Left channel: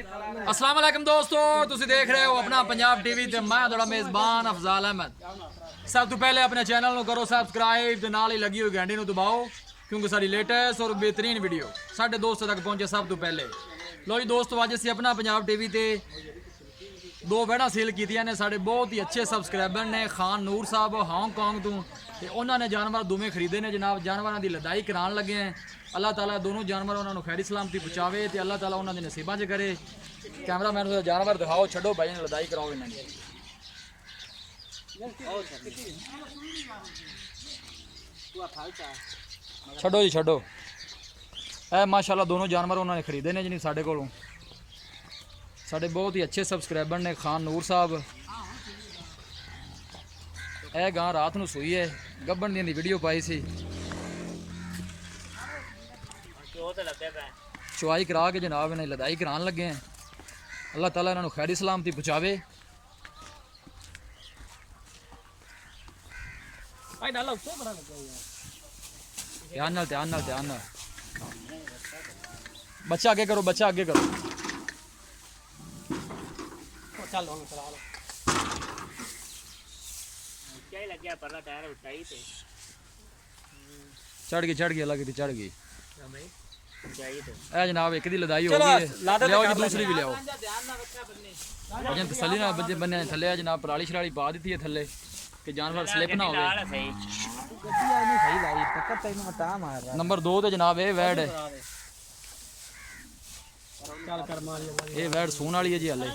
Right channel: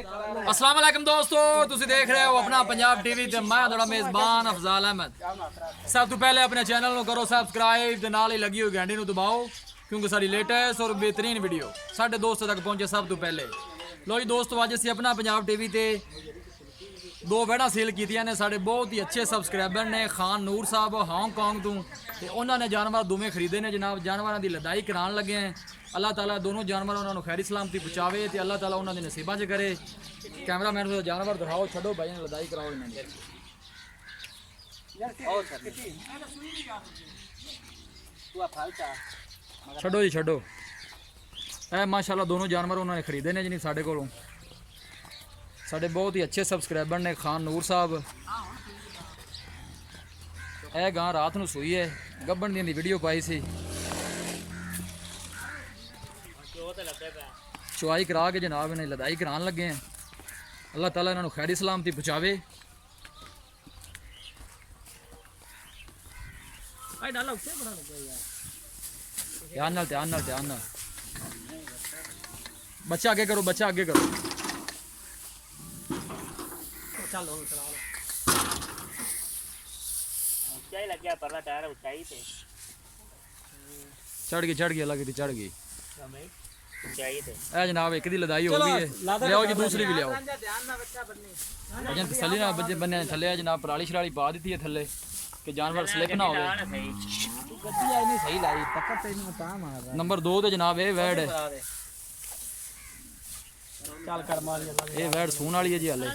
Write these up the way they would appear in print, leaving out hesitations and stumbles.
अस्सलाम वालेकुम दोस्तों, तुसी देख रहे हो अपना पंजाब टीवी ते मैं थोड़ा मेज़बान अफजाल अहमद। सब तो पहले अपने चैनल को करो सब्सक्राइब ते नाल ही लगी हुई घंटी को दबाओ क्योंकि सारी लेटेस्ट और बेहतरीन वीडियो साढ़े दोस्तों तक पहुंचे सब तो पहले। लो जी दोस्तों, अज असीं अपना पंजाब टीवी ते दो वैड़ा सेल कीतियां ने। साढ़े बहुत ही अच्छे सबसक्राइबर ने खान नूर साहब हांगकांग तो उन्होंने जानवर दोवें खरीदे ने जनाब। जानवरों की लदाई करान लगे हैं। अल्लाह ताला दोनों जानवर उन्होंने खैरी सलामती पहुँचावे तो अल्लाह ताला उन्होंने नसीबा च करे। कैमरा मैन को जानवर दिखाओ, छड़ो भाई ने लदाई कराओ इन्हें। छड़ो जी छड़ो। ए माशाल्लाह दोनों जानवर उन्होंने खरीदे ने जी साढ़े कोलों। साढ़े बहुत ही अच्छे सबसक्राइबर ने खान नूर साहब। ए गां रात को सूई है, गब्बन दी वीडियो पाई सी। चुआई करा के जनाब इन्हें लदाई करान लगे हैं। अल्लाह ताला इन्होंने खैरी सलामती पहुँचावे। ध्यान नाल ध्यान नाल ध्यान नाल। बच्चा आगे करो, बच्चा आगे करो। चढ़ गई अलग की चढ़ गई। ए जनाब एक दी लदाई हो गई है, लियाओ जी दूसरी भी लियाओ। वजन तसली ना बजे बने थले जनाब पराली शराली पा दी है थले कि जानवर स्लिप ना हो। नंबर 2 ते जनाब ये वैड है, ये वैड सून वाली है जी हले।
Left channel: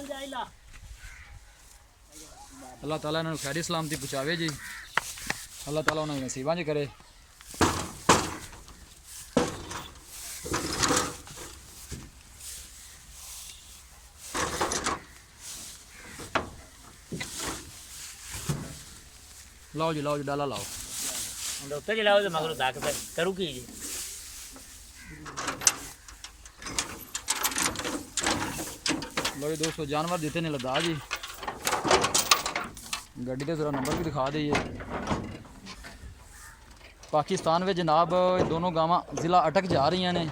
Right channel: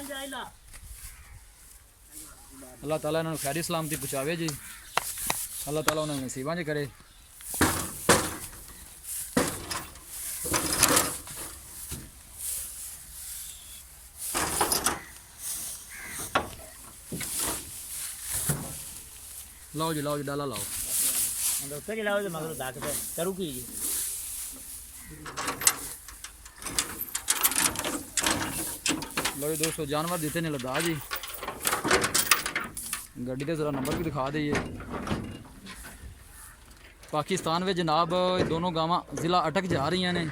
अल्लाह ताला इन्होंने खैरी सलामती पहुँचावे जी। अल्लाह ताला उन्होंने नसीबा च करे। लाओ जी डाला लाओ। डॉक्टर जी लाओ तो मगर दाग पे करू की जी। लो जी दोस्तों, जानवर देते ने लदा जी। गड्डी का जरा नंबर भी दिखा दईए। पाकिस्तान में जनाब दोनों गावां ज़िला अटक जा रही ने।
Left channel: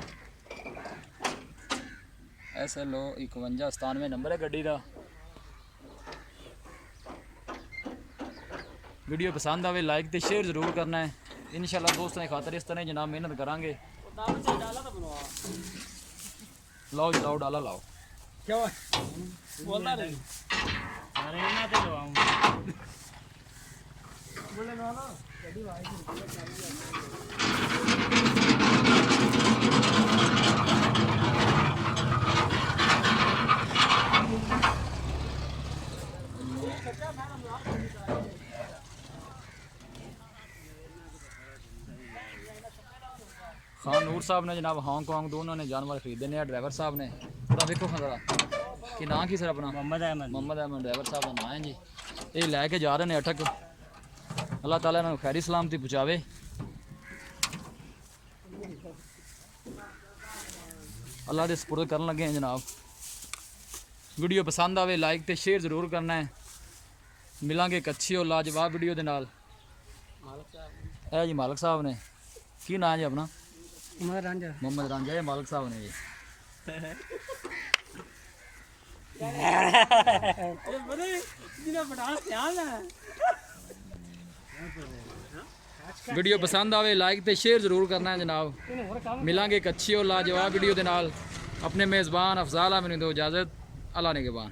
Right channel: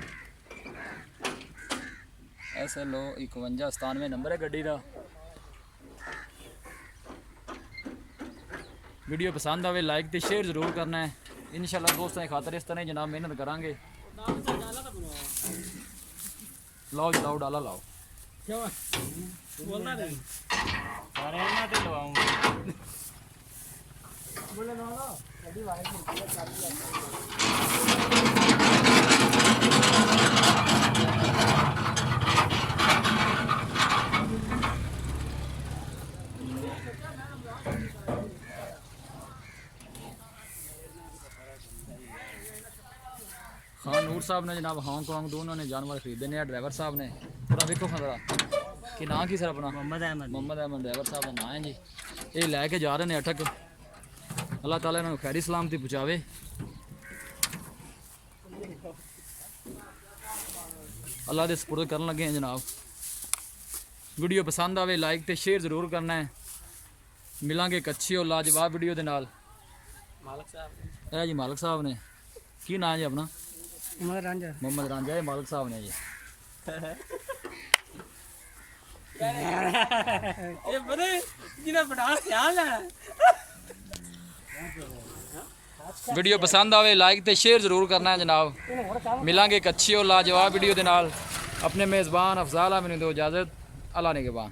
SLO 5197 नंबर है गड्डी का। वीडियो पसंद आवे लाइक तो शेयर जरूर करना है। इंशाल्लाह दोस्तों की खातर इस तरह जनाब मेहनत करांगे। लाओ जी लाओ डाला लाओ। खान नूर साहब ने जनाब हांगकांग तो उन्होंने जानवर खरीदे ने। ड्राइवर साहब ने थोड़ा देखो खंदरा कि ना की सर अपना मोहम्मद अहमद ड्राइवर साहब का नाम है जी। ये लैके जा रहे हैं अटक। अल्लाह ताला इन्होंने खैरी सलामती पहुँचावे। अल्लाह के सपुर्द करन लगे हैं जनाब। वीडियो पसंद आवे लाइक तो शेयर जरूर करना है। मिलांगे एक अच्छी और लाजवाब वीडियो के नाल। है जी मालिक साहब ने की नाम जी अपना? मोहम्मद रांझा। ये मालिक साहब ने जी। वीडियो पसंद आवे लाइक तो शेयर जरूर करना है जनाब। मिलांगे एक अच्छी और लाजवाब वीडियो के नाल। अपने मेज़बान अफजाल अहमद को इजाज़त। अल्लाह ने के बाद।